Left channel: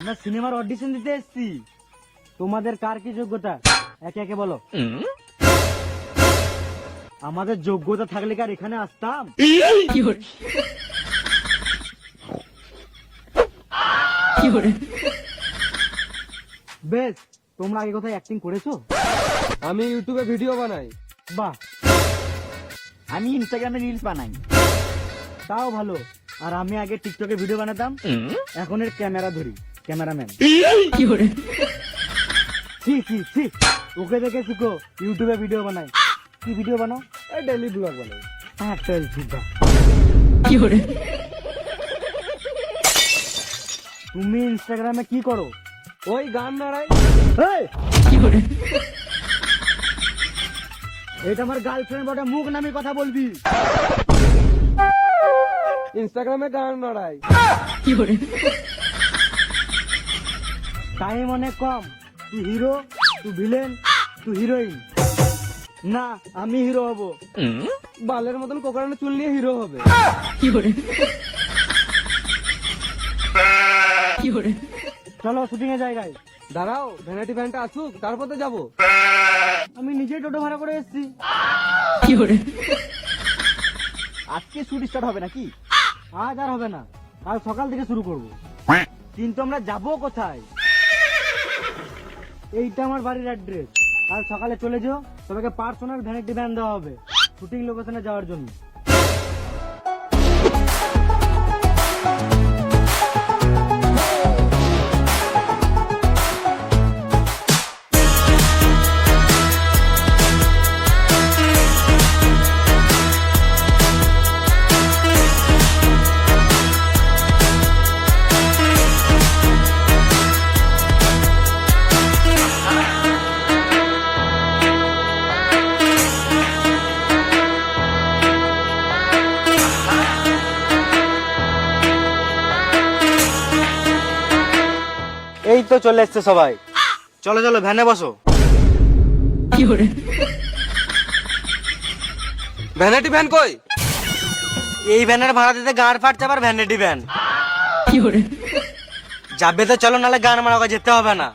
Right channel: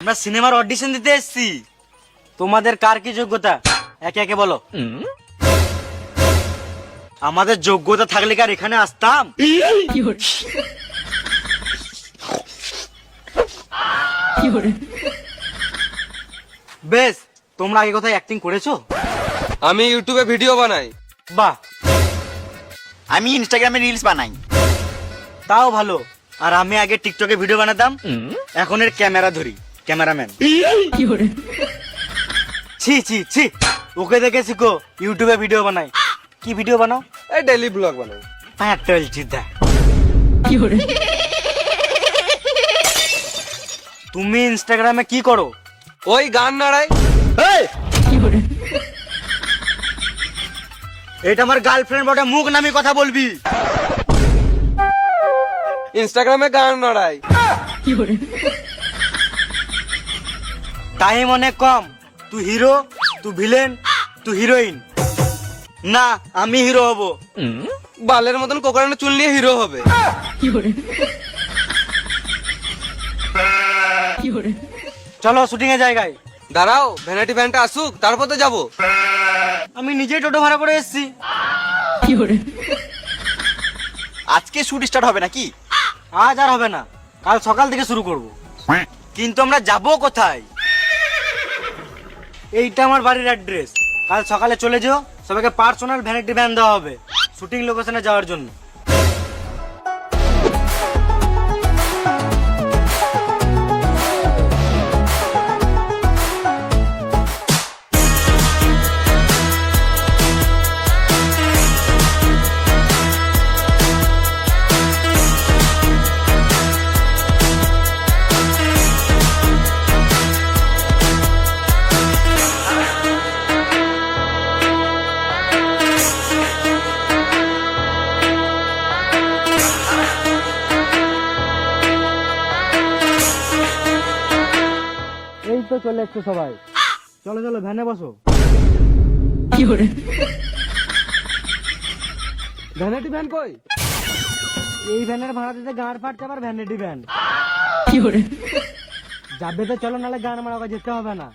আমরা সিনেমার অডিশন দিতে এসেছি। তোমাদের কার কি যোগ্যতা? একে একে বলো। আমাদের যোগ্যতা থাকলে কি আর এখানে আসতাম? বেশ তোমরা আগে কোথায় অ্যাক্টিং করেছ? আমি ইউটিউবে ভিডিও বানাই। বাহ। আমি ইনস্টাগ্রামে রিলস বানাই। তাও ভালো। আর আমি আগে টিকটকে ভিডিও বানাতাম। এখন এর ক্যামেরা ধরি। ক্যামেরাম্যান। ছি ছি ছি। ওকে দেখে শিখো ইউটিউবে ভিডিও বানাই। কি ভিডিও বানাও? এই ডেলি ব্লগ বানাই হ্যাঁ চলছি দেখ তুমি ইনস্টাগ্রামে কি করো? ওই গান নাড়াই। এই! এটা আমার গার্লফ্রেন্ড বটে মুখ নামি কথা বলবি। ইনস্টাগ্রামে গান নাড়াই। টাইম অনেক কম তুই হিরো তুই ভিলেন তুই হিরোইন। না, আমি হিরো হব। বালের মতন কোকারানো চুল নিয়ে হিরো হবে। চলো শুটিং এর জায়গায়। দাঁড়াও, ভ্যানিটি ভ্যানটা আসুক, তারপর তো যাব। আমি নিজেই টোটো ভাড়া করে এসেছি। আজকে শুট স্টার্ট হবে নাকি? আজ আর হবে না, কাল সকাল থেকে শুরু করব। কিন্তু আমরা যাব কোথায়? এইটা আমার বাড়ির অ্যাড্রেস কাল সকালে চলে যেও, সবাইকে পার্সোনাল ভ্যারাইটি ভ্যান দেওয়া হবে। শুটিং লোকেশনে যাওয়ার জন্য। এই তো চলে এসছে সবাই। চলো চলো ভ্যানে বসো। ভ্যানিটি ভ্যান কই? এই ভ্যানের ভাড়া দিতে গান ফাটছে আবার ভ্যানিটি ভ্যান। যাবে তো চলো নাহলে গান মারা যেতে হবে না।